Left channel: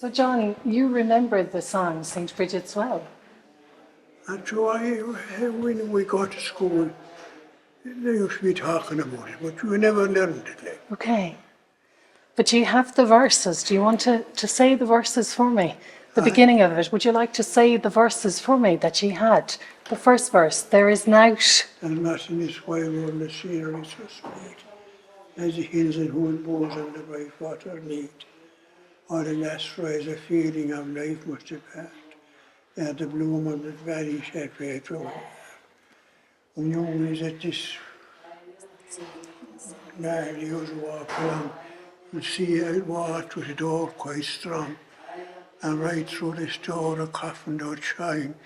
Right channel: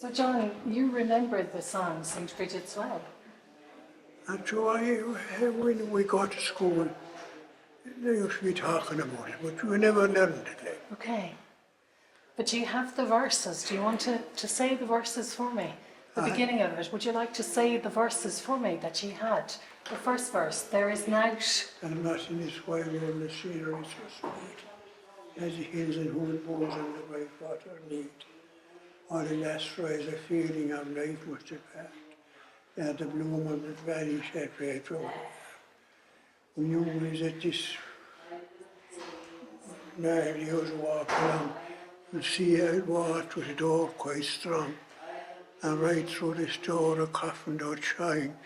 So, John, you remember the song St. Brigid's Well? And so when we got to school, they used to be talking about it, but we never learned it. Like. Okay. But you have the verses. Do you want to say the verses for me? The beginning of it. Would you like to say the verses for me that you had? The first verse, there is nought. And not in this while on the scenery so sweet, as the hills and whole bows and the bright water meet. All the last rise a feeling of life must depart, ere the bloom of the valley shall fade from her. When you visit this night, you walk along, you see a walk with a door quite strong, and right through this door a coffin doth shine,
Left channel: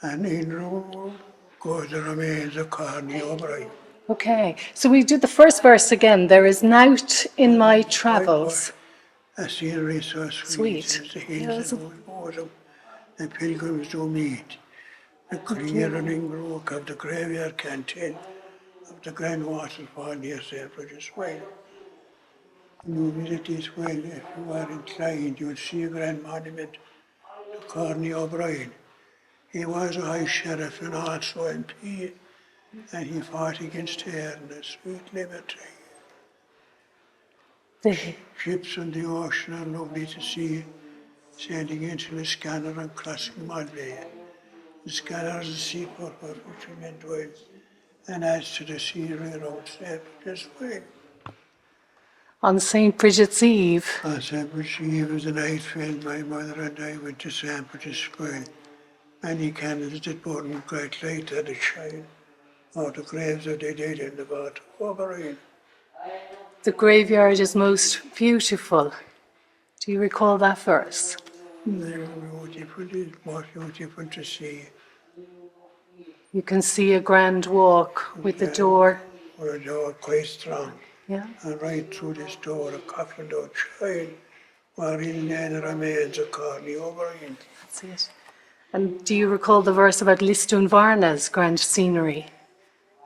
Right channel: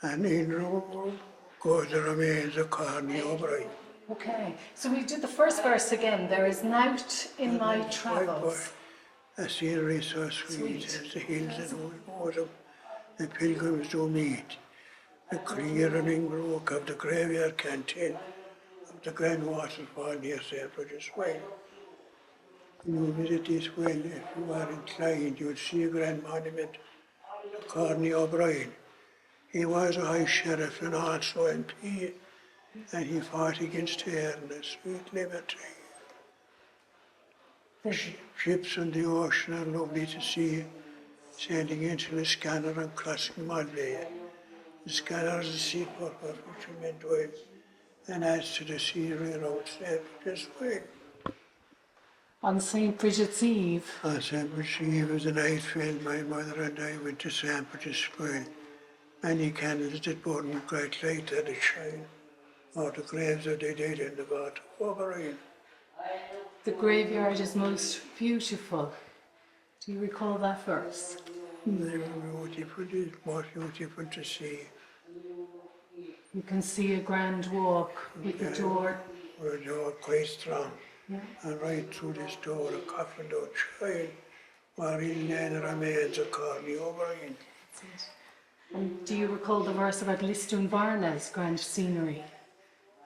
and in room goes the remains of Contae O'Brien. Okay. So we do the first verse again. There is nought in my travels. A scenery so sweet, as the hills and whole bosom, the pilgrims do meet. The clear running brook of the graveyard can tell of the grand waterfall near St. Brigid's Well. When you visit this well, if you are inclined, you'll see a grand monument to Contae O'Brien. He was a high sheriff and also MP, and he fought against tyranny, sweet liberty. Ships on the ocean are lovely to see, sailing into the Scanner and crossing Malbay. The Scanner is a seaport where fishermen dwell, and adds to the scenery around St. Brigid's Well. On St. Brigid's Eve. On St. Brigid's Eve, as the night fell, my mother and I went to St. Brigid's Well. Many candles did burn, great light that it shine, o'er the graves of the dead and the water O'Brien. The graveyard is most beautiful. Do you recall that verse? They were beautiful, it's more beautiful to see. You can see a grand walk with the door. With a door quite strong. Yeah. And right through this door a coffin doth shine, wherein lay the remains of Contae O'Brien. That's it. And do you recall the verse about Lisdoonvarna's grand scenery?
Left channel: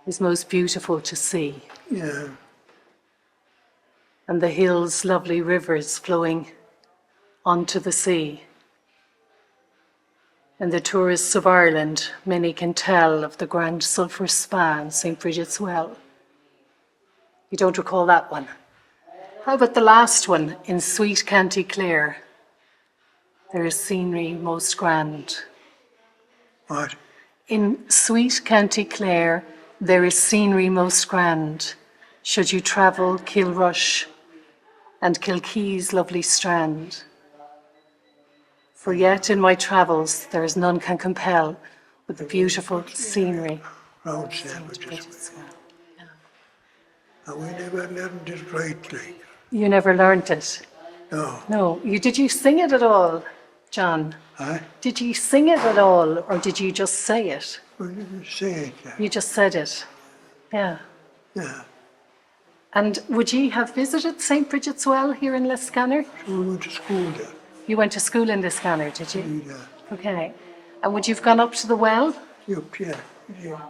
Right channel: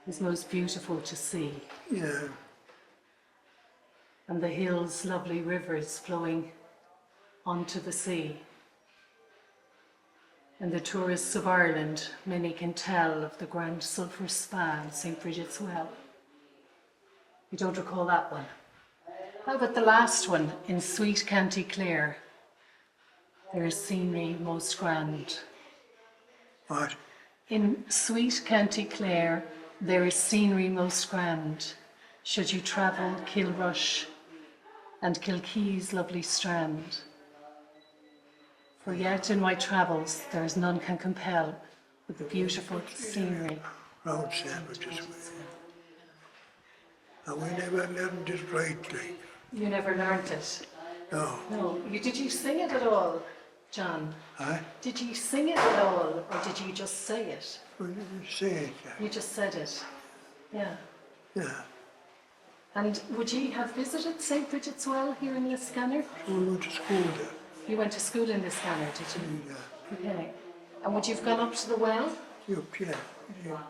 It's most beautiful to see. Yeah. And the hills, lovely rivers flowing onto the sea. And the tourists of Ireland, many can tell of the grand sulphur spa in St. Brigid's Well. You don't recall that one? How about the last one, in sweet County Clare? There is scenery most grand. What? In sweet County Clare, there is scenery most grand. Should you travel Kilrush and Kilkee's lovely strand. For yet in my travels there is none can compel with the beautiful scenery. Round St. Brigid's Well. And we never learned it right, like. You never learnt it? No. No. Did you sing it at all, John? Huh? Did you sing it at all, or did you just say it? We didn't say it, like. You just said it. Yeah. Yeah. And would you have visited St. Brigid's Well here in Liscannor? So we went to school there. You went to school in Liscannor, did you? Yeah. Okay. And would you have gone up to the well? Yup, yeah. Yeah.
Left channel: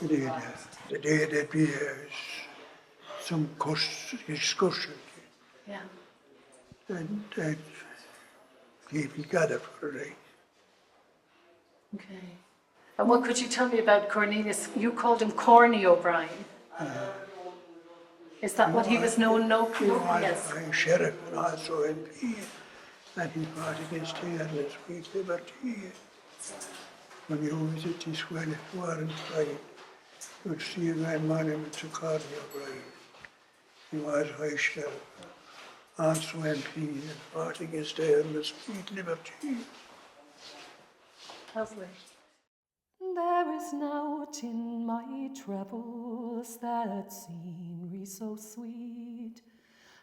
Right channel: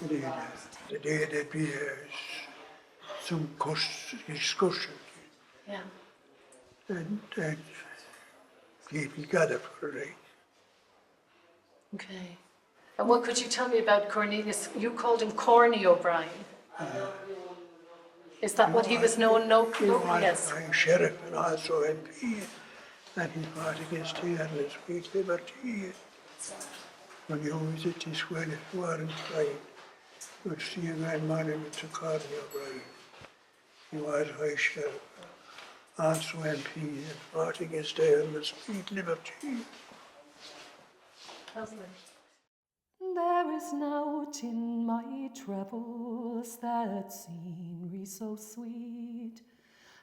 We did, yeah. The day there'd be some excursion. Yeah. And people gather for a day. Okay. And what could you tell me about Cornelius? You called him Corny O'Brien. Is that what he was known locally as? I'm sheriff and also MP, and he fought against tyranny, sweet liberty. When you visit this well, if you are inclined, you'd see a grand monument to Contae O'Brien. He was high sheriff, also MP, and fought against tyranny, sweet liberty. Lovely. There is nought in my travels that scenery so sweet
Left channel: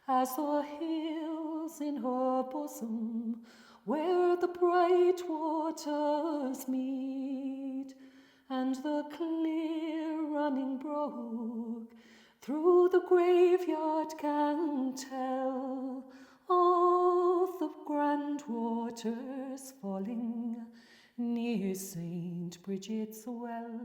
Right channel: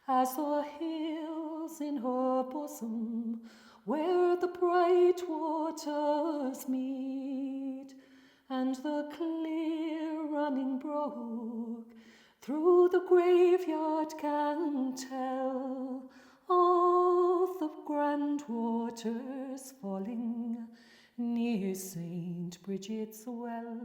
as the hills in her bosom where the bright waters meet, and the clear running brook through the graveyard can tell of the grand waters falling near St. Brigid's Well.